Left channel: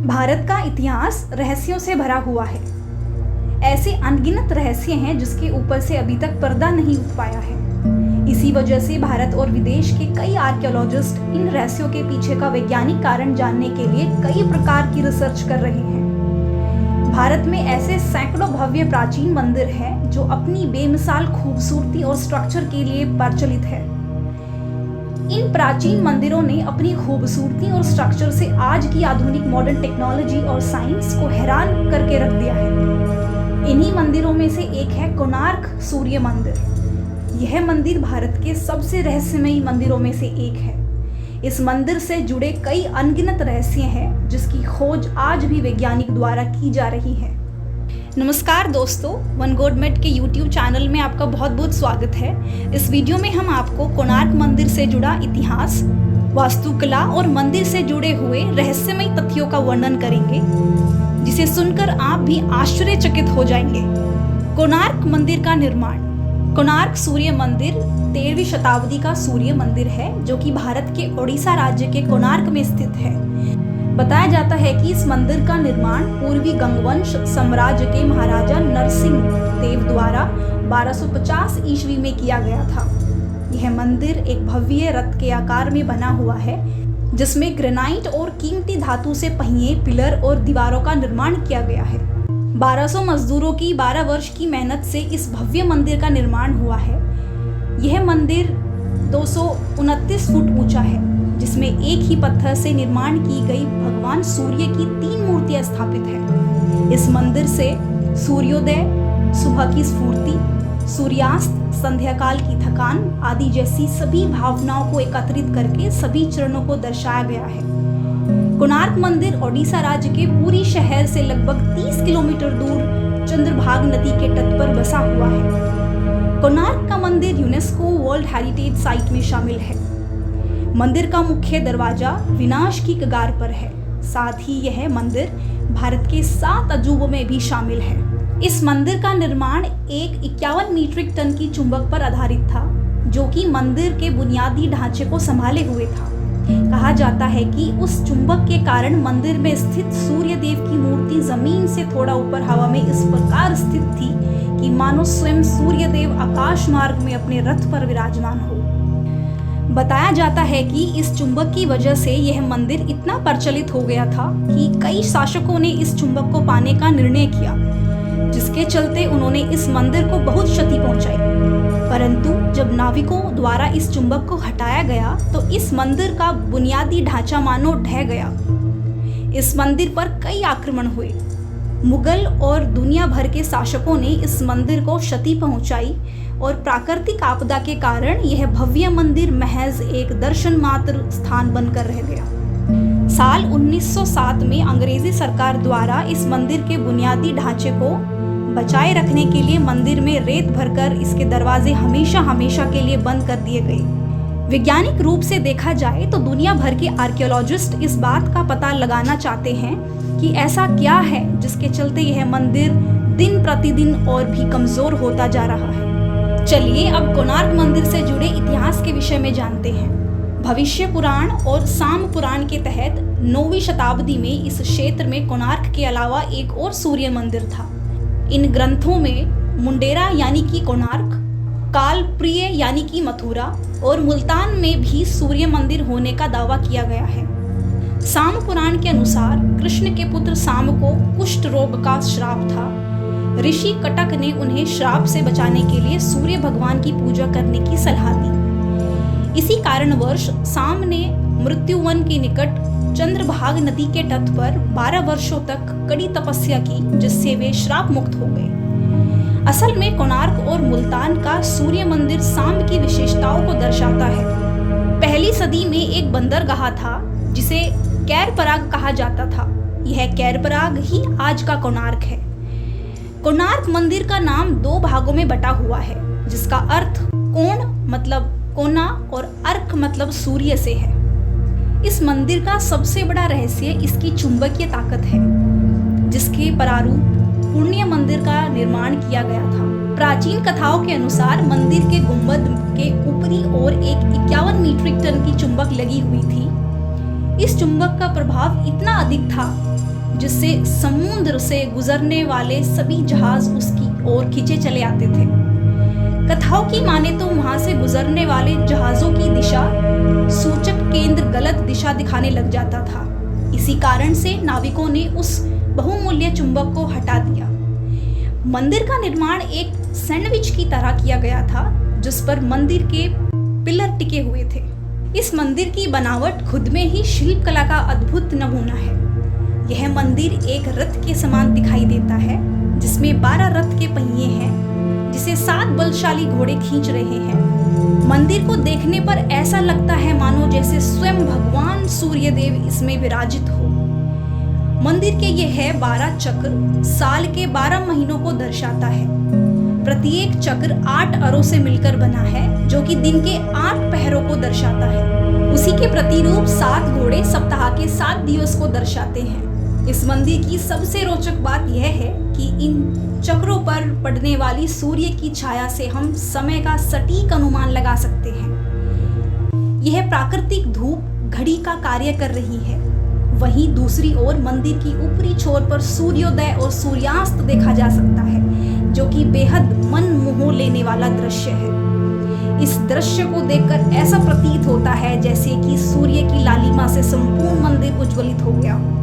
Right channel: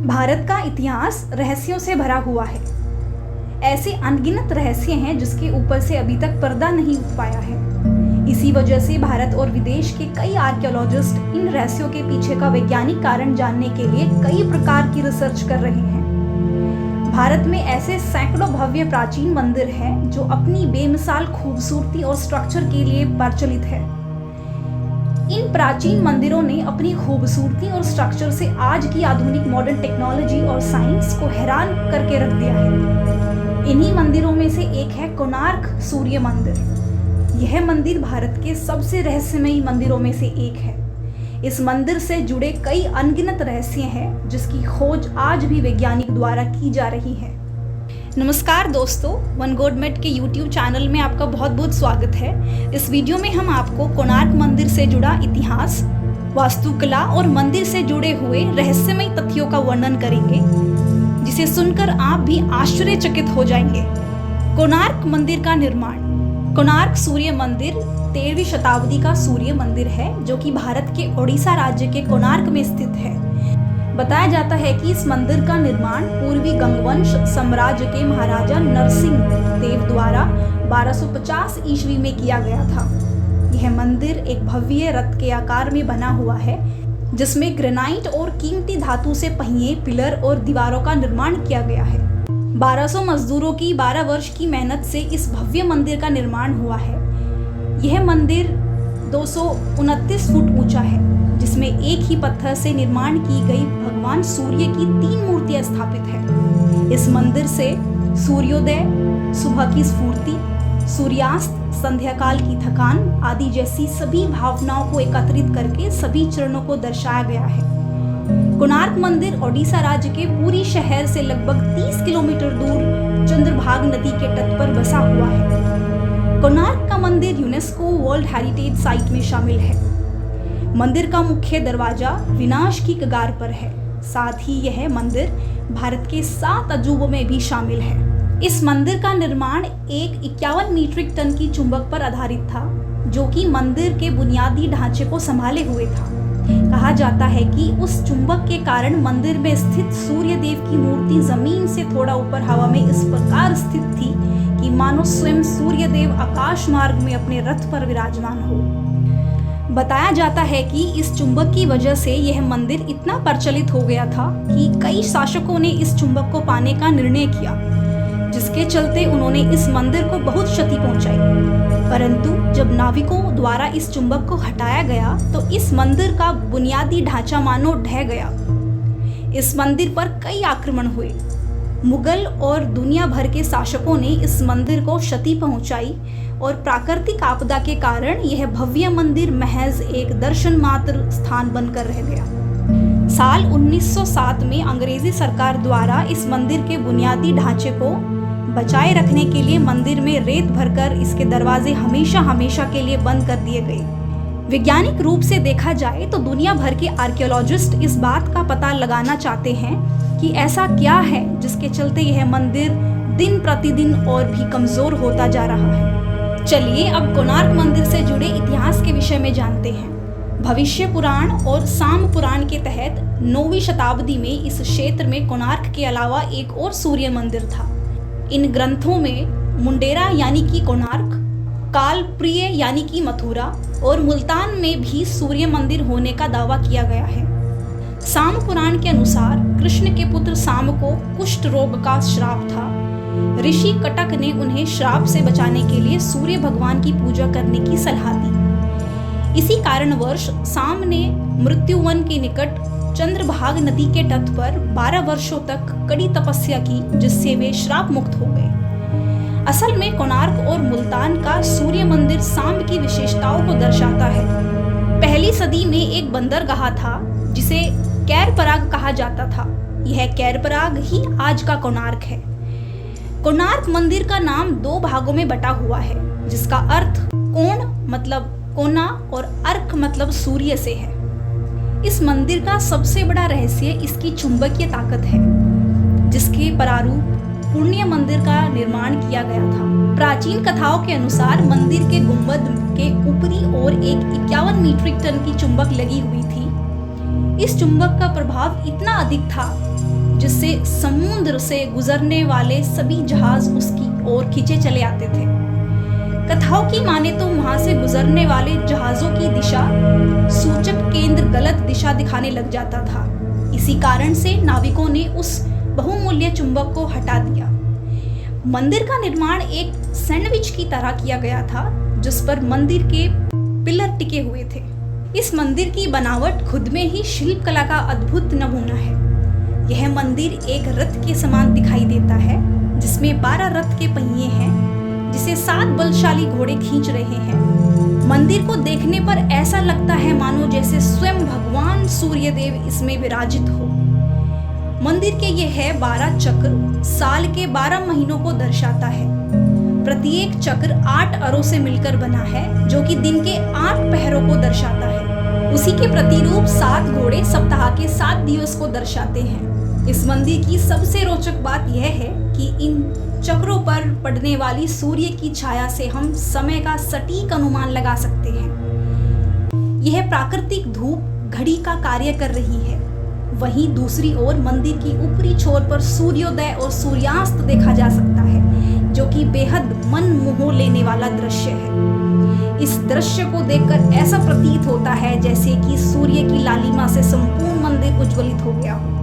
भारत का इतिहास रहस्यों से भरा हुआ है। ऐसे अनगिनत रहस्य हैं जिसके ऊपर से अभी तक पर्दा नहीं उठ पाया है। इसी वजह से भारत और विदेश के कई आर्कियोलॉजिस्ट इन रहस्यों के पीछे का वैज्ञानिक कारण जानने के लिए कई प्रकार की रिसर्च कर रहे हैं। भारत में ऐसे सैकड़ों भव्य प्राचीन मंदिर हैं जो अपनी बेमिसाल खूबसूरती और स्ट्रक्चर के लिए प्रचलित है। इन प्राचीन मंदिरों ने अपनी खूबसूरती और स्ट्रक्चर से आज की आधुनिक मॉडर्न टेक्नोलॉजी और साइंस को हैरान करके रख दिया है। इन्हीं मंदिरों में से एक है कोणार्क सूर्य मंदिर। यह मंदिर भारत के सबसे रहस्यमयी मंदिरों में से एक है। इस मंदिर से जुड़े कई अनगिनत रहस्य हैं जिसकी खोज आज भी वैज्ञानिक द्वारा की जा रही है। नमस्कार दोस्तों, वन गॉड मेट के YouTube चैनल में आपका बहुत बहुत स्वागत है। इस वीडियो में हम आपको कोणार्क मंदिर से जुड़ा इतिहास, वास्तुकला और मंदिर से जुड़े हुए रहस्यमय तथ्यों का वर्णन करेंगे, जिसे सुनकर आप भी आश्चर्यचकित हो जाएंगे। कोणार्क मंदिर का निर्माण। कोणार्क सूर्य मंदिर 13वीं शताब्दी का सूर्य मंदिर है जो कि भारत के ओडिशा राज्य के कोणार्क में स्थित है। बताया जाता है कि इस मंदिर का निर्माण पूर्वी गंगवंश साम्राज्य के महाराजा नरसिंह देव द्वारा 1250 ईस्वी में किया गया था। यह मंदिर एक भव्य रथ के आकार में बना हुआ है जिसमें ग्रेनाइट और कीमती धातु से पहिए, पिलर और दीवारों का निर्माण किया गया है। 1200 मजदूरों की 12 वर्ष की मेहनत से इस भव्य मंदिर का निर्माण हुआ है। यह मंदिर 229 फुट ऊंचा है, जिसमें एक ही पत्थर से निर्माण की गई भगवान सूर्य की 3 मूर्तियां स्थापित है। इस मंदिर से सूर्योदय, सुबह की स्फूर्ति, सूर्यास्त, संध्याकाल की थकान आदि जैसी सभी भावनाओं को एकत्रित करके सभी चरणों को दर्शाया गया है। कोणार्क मंदिर ओडिशा राज्य के पुरी शहर से लगभग 30 किलोमीटर दूर चंद्रभागा नदी के तट पर बसा हुआ है। कोणार्क का मंदिर यूनेस्को वर्ल्ड हेरिटेज साइट में शामिल है। मंदिर का मुख्य दरवाजा विनाश की कगार पर है। साथ ही यह मंदिर भारत के 7 अजूबों में भी शामिल है। इस मंदिर का निर्माण एक 51 मीट्रिक टन की चुंबक पर आधारित था, जो कि मंदिर के बुनियादी ढांचे को संभाले हुए था। कहा जाता है कि उस चुंबक के कारण मंदिर में स्थित सूर्य देव की मूर्ति जमीन से थोड़ा ऊपर हवा में इस प्रकार स्थित थी कि मानो स्वयं सूर्य देव आकाश मार्ग में अपने रथ पर विराजमान हो। बताया जाता है कि इस चुंबक की वजह से यह मंदिर इतना प्रचलित हो गया था कि कई शासकों ने इस चुंबक को पाने का निर्णय किया, जिसके चलते उन्होंने इस मंदिर को बहुत क्षति पहुंचाई। परंतु जब नाविकों द्वारा इस चुंबक को हटाया गया तो इस मंदिर का बुनियादी ढांचा मानो ढह गया। इस मंदिर पर कई आक्रमण हुए। मुगल और दुनिया भर के शासकों ने इस मंदिर को क्षति पहुंचाई और प्राकृतिक आपदा के कारण यह भव्य मंदिर महज एक दर्शन मात्र स्थान बनकर रह गया। साल 1907 में अंग्रेजी सरकार द्वारा इस मंदिर के बुनियादी ढांचे को बचाए रखने के लिए मंदिर में रेत भरकर इसके दरवाजे हमेशा के लिए बंद कर दिए गए। वैज्ञानिक रूप से देखा जाए तो दुनिया भर के आर्कियोलॉजिस्ट इस बात का पता लगाना चाहते हैं कि ऐसा क्या है जिसके चलते यह मंदिर दिन प्रतिदिन और भी कमजोर होता जा रहा है। चलिए अब कोणार्क मंदिर से जुड़े इतिहास के विषय में जानते हैं। भविष्य पुराण और साम पुराण के तहत 9वीं शताब्दी में इस क्षेत्र में कोणार्क के अलावा एक और सूर्य मंदिर था। इन ग्रंथों में मुंडेरा यानी कि कोणार्क, कालप्रिय यानी कि मथुरा और मुल्तान में भी सूर्य मंदिर होने का दावा किया गया है। साम पुराण के अनुसार कृष्ण के पुत्र साम को कुष्ठ रोग का श्राप था। ऋषि कटक ने उन्हें श्राप से बचाने के लिए सूर्य भगवान की पूजा करने की सलाह दी। इसी कारणवश साम ने मृत्युवन के निकट चंद्रभागा नदी के तट पर 12 वर्षों तक कड़ी तपस्या की, जिससे वे श्राप मुक्त हो गए। असल में कोणार्क और मुल्तान का सूर्य मंदिर साम की विशेषताओं को दर्शाता है। पहली सदी में एक बंदरगाह था जिसे कैरपराग कहा जाता था। यह कैरपराग ही आज का कोणार्क है। कोणार्क मंदिर का नाम 2 भागों में बटा हुआ है, जिसका अर्थ कोण मतलब कोना और अर्क मतलब सूर्य से है। इस मंदिर का सबसे बड़ा रहस्य इसकी चुंबकीय ताकत है, जिसके प्रारूप पुण्य मंदिर का निर्माण किया गया था। प्राचीन कथाओं के अनुसार मंदिर के गुंबद के ऊपरी ओर एक 51 मीट्रिक टन की चुंबक लगी हुई थी। इस चुंबक का प्रभाव इतना अधिक था जिससे समुद्र से गुजरने वाले सभी जहाज उसकी ओर खींचे चले आते थे। कथाओं की माने तो वहां से गुजरने वाले जहाजों की दिशा सूचक केंद्र गलत दिशा दिखाने लग जाता था। इसी कारण से नाविकों ने उस बहुमूल्य चुंबक को हटा दिया। मंदिर का निर्माण एक सैंडविच की तरह किया गया था जिस पर मंदिर के पिलर टिके हुए थे। इस मंदिर की बनावट खुद में ही शिल्प कला का अद्भुत नमूना है। यह मंदिर एक रथ के समान दिखाई देता है जिसमें 12 रथ के पहिए हैं जिसे 7 बलशाली घोड़े खींच रहे हैं। मंदिर को देखने पर ऐसा लगता है मानो जैसे स्वयं भगवान सूर्यदेव इसमें विराजित हो। मंदिर के यह 12 चक्र साल के 12 महीनों को दर्शाता है। प्रत्येक चक्र 8 अरों से मिलकर बना है जो कि दिन के 8 पहरों को दर्शाता है। उसी के प्रतिरूप 7 घोड़े सप्ताह के 7 दिवस को दर्शाते हैं। इस मंदिर की सबसे रोचक बात यह है कि इन चक्रों पर पड़ने वाली सूर्य की छाया से हम समय का सटीक अनुमान लगा सकते हैं। यह प्राकृतिक धूप घड़ी का कार्य कर रही है। वहीं दूसरी ओर मंदिर की ऊपरी छोर पर सूर्योदय और सूर्यास्त देखा जा सकता है जो कि बेहद मन मोह लेने वाला दृश्य है। इस दृश्य को देखकर ऐसा प्रतीत होता है जैसे कि सूर्य की लालिमा से संपूर्ण मंदिर उज्ज्वलित हो गया हो।